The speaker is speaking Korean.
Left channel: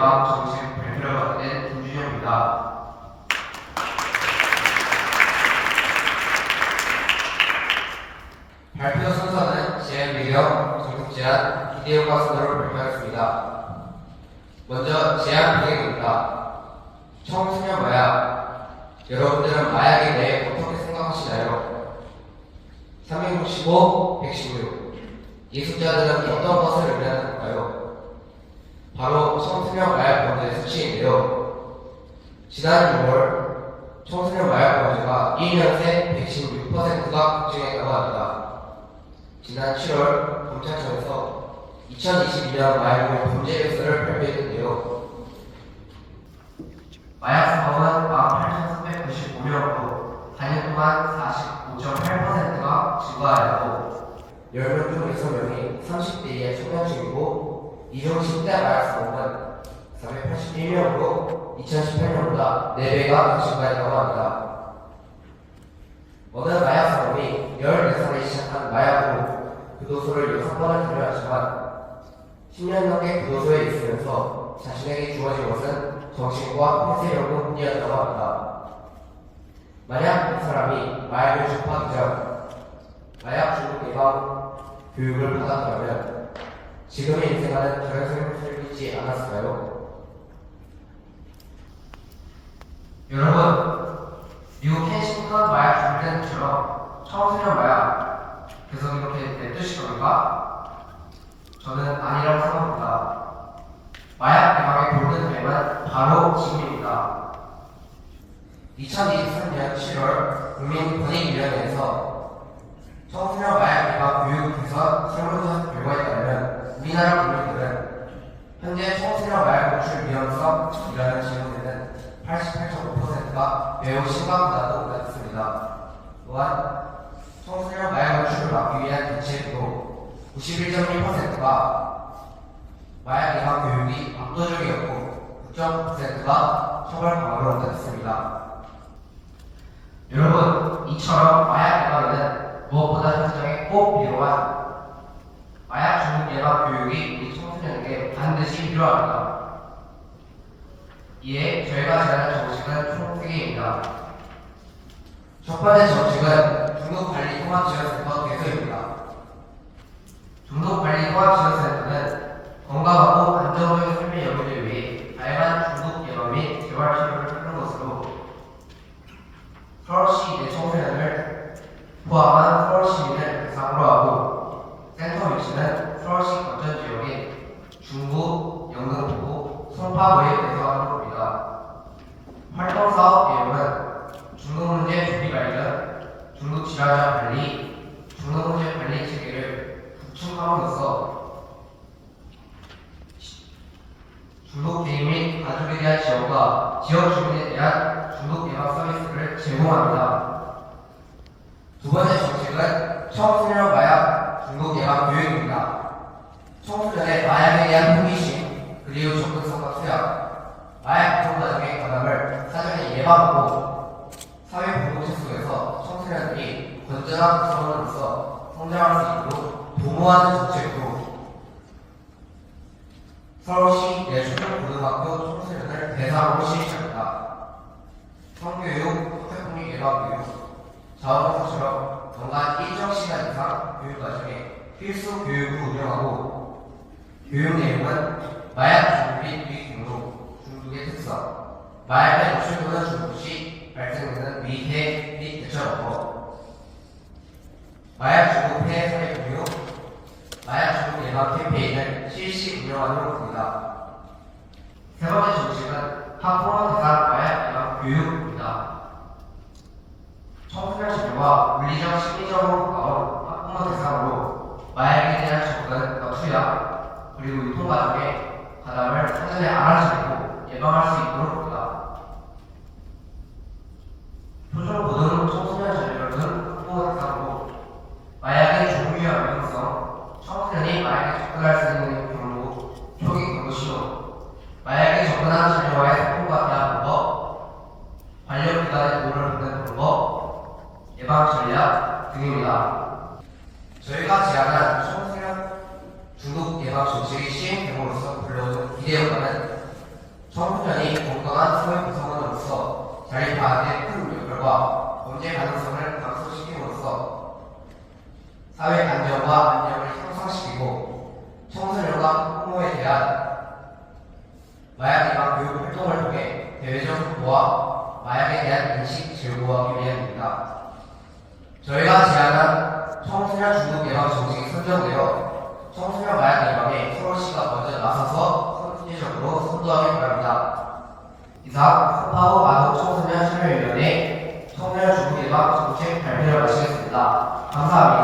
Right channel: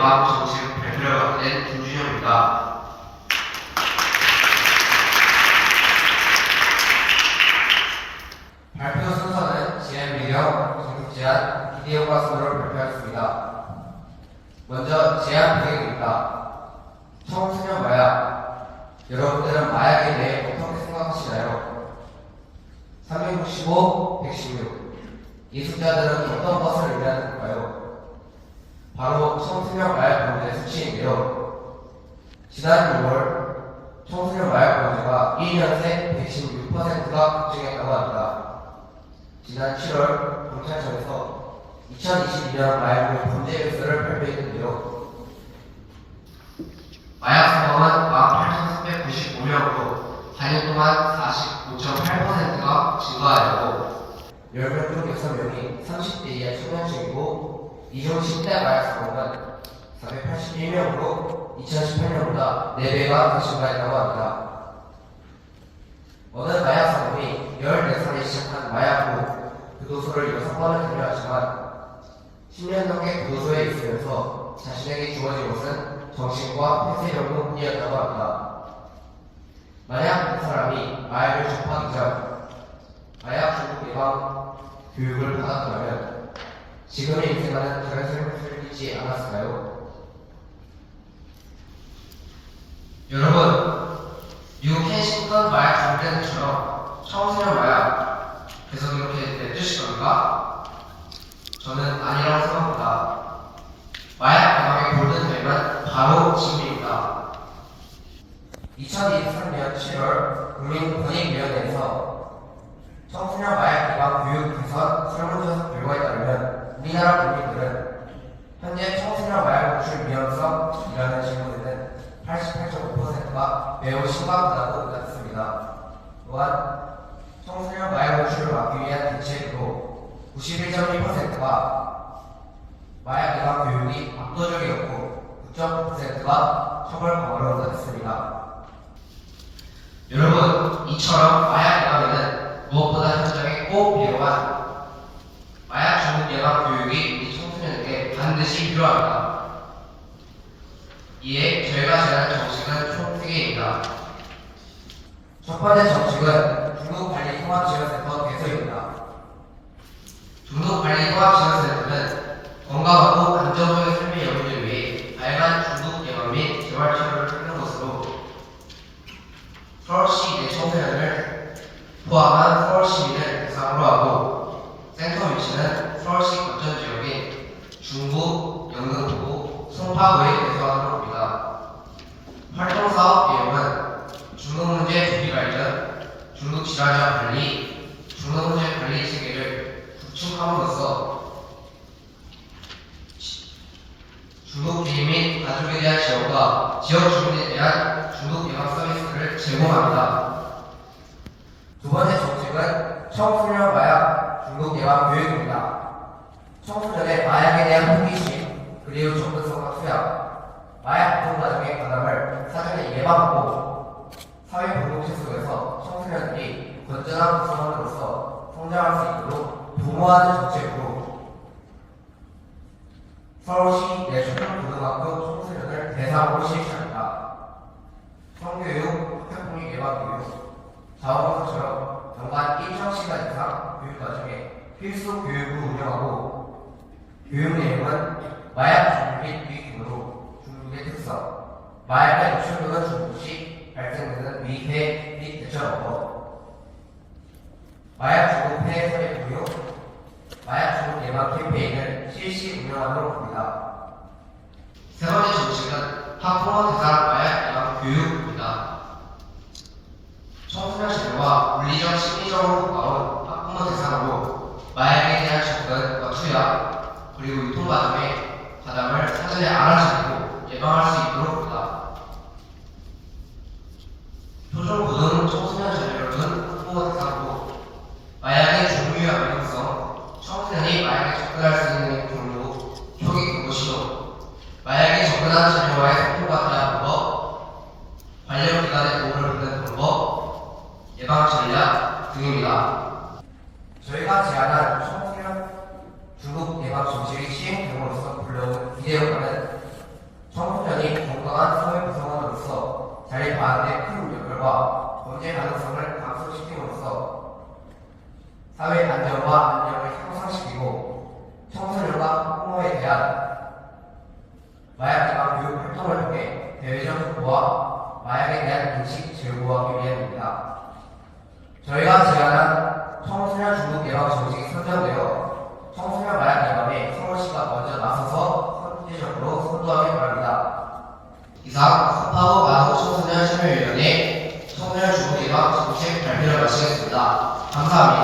예방 정책 발표를 맡은 김준영입니다. 발표 순서는 제한 배경, 정책 제한, 기대 효과 순으로 발표하였습니다. 먼저 제한 배경입니다. 청소년 마약. 여러분들은 마약에 대해 어떻게 생각하시나요? 365, 116. 이 숫자들은 어떤 것을 의미하는 걸까요? 바로 청소년 마약 범죄의 수치인데요. 지난 6월 청소년 마약 범죄가 2년 새 116%가 급증했다고 합니다. 지난 7월 경찰청에서 2022년 마약류 범죄 력서를 발표했는데요. 마약 사범은 18,395명으로 4년 동안 45.8%가 증가하였고 10명 중 6명이 30대 이하 청년층이고 이중 10대 마약 사범은 481명으로 2018년보다 4배가 증가했다고 합니다. 어느 마약 사범이 14살에 시작한 마약 후 교도소를 6번을 다녀왔지만 10년 넘게 교도소에 있으면서 자신에게 주어진 것은 정신과 폐쇄력은 뿐이었다고 합니다. 만약 그 사람이 마약을 접하기 전 마약 중독 예방 교육을 받았다면 지금의 인생과는 다른 삶을 살지 않았을까요? 여러분, 미국 켄싱턴 마약 중대처럼 청소년 마약 계속 이렇게 냅두실 겁니까? 저는 아니라고 생각합니다. 마약 예방의 골든타임은 바로 지금입니다. 2023년 7월 국민권익위원회에서 청소년 마약 예방 교육 개선 설문조사 결과에 따르면 우리나라 국민들은 현재 청소년 마약 노출 위험성이라는 질문에는 88.5%가 매우 심각하다고答했습니다. 또한 청소년 마약 노출을 막기 위한 대책으로 91.1%가 마약 예방 교육이 압도적이었고 9.9%가 처벌 강화로 응답했습니다. 여러분, 이처럼 마약 예방에는 무엇보다 현장에 꼭 필요한 마약 중독 예방 교육이 우리 청소년에게 반드시 필요합니다. 이에 저희가 제안한 정책은 총 3개입니다. 첫 번째 정책은 중독관리통합지원센터 개소입니다. 중독관리통합지원센터는 건강하고 안정적인 삶의 영위를 위해 다양한 중독 예방 및 재활 치료를 하는 것으로 서울시 내 청소년을 포함한 서울 시민을 대상으로 하고 센터 위치는 서울시 거점 지역인 중구, 영등포구, 송파구에 개소하는 겁니다. 활동사업 내용은 중독문제 조기 발견, 중독질환자 관리, 중독문제 관리 체계를 구축함으로써 중독 개인 및 가족에 대한 지원과 지역 주민에 대한 중독 예방 서비스를 제공합니다. 두 번째 정책은 청소년 마약 중독 예방 교육입니다. 청소년의 마약에 대한 호기심, 그리고 접근성과 투약, 마약 유통 과정의 관함을 사전에 예방하고 사회 공동체 속에서 청소년들이 건전한 구성원으로서 성장할 수 있도록 도모하는 정책으로 서울시 내 초중고등학교 청소년을 대상으로 실시합니다. 성교육, 학교폭력 예방교육, 자원봉사처럼 연간 일정 시간 이상 교육 과정에 필수 교육을 운영하고 교육 내용은 마약 중독 및 위기금으로 중독의 특성, 마약에 노출되는 중독 시 발생되는 위해 및 대처 방법, 마약 중독 폐해 사례 공유, 마약 중독 예방 캠페인을 실시 운영하도록 합니다. 세 번째 정책은 학부모 대상 마약 예방 교육입니다. 청소년 시대와 물리적, 심리적으로 가까운 학부모 대상으로 마약에 대한 접근과 투약, 그리고 유통 과정의 과담을 사전에 알아차리고 예방할 수 있도록 합니다. 초중 고등 청소년 자녀를 둔 학부모 대상으로 마약의 종류와 위험성, 청소년이 마약에 접근할 수 있는 경로, 초기 경고 시도, 마약에 접근한 자녀와의 소통과 대화 방법, 관련기관의 도움을 받는 방법, 예방 전략 등입니다. 저희가 제안한 청소년 중독 예방 정책의 시행 경우로서 불려오는 기대 효과는 청소년이 건강한 사회 구성원으로서 자립하는 데 큰 역할과 범죄 가능성을 감소시킴으로써 사회 안정과 안녕을 향상시키고 청소년과 부모에 대한 마약 예방 교육 활동을 통해 대외적 정보와 마약에 대한 인식 제고하기 위함입니다. 저희가 제안한 청소년 중독 예방 정책이 선정되어 청소년 마약 예방에 서울시가 먼저 나서서 선제적으로 선도하길 바랍니다. 이상 섭하고 마동 청소년 참여위원회 청소년 중독 예방 정책 발표를 마치겠습니다. 감사합니다.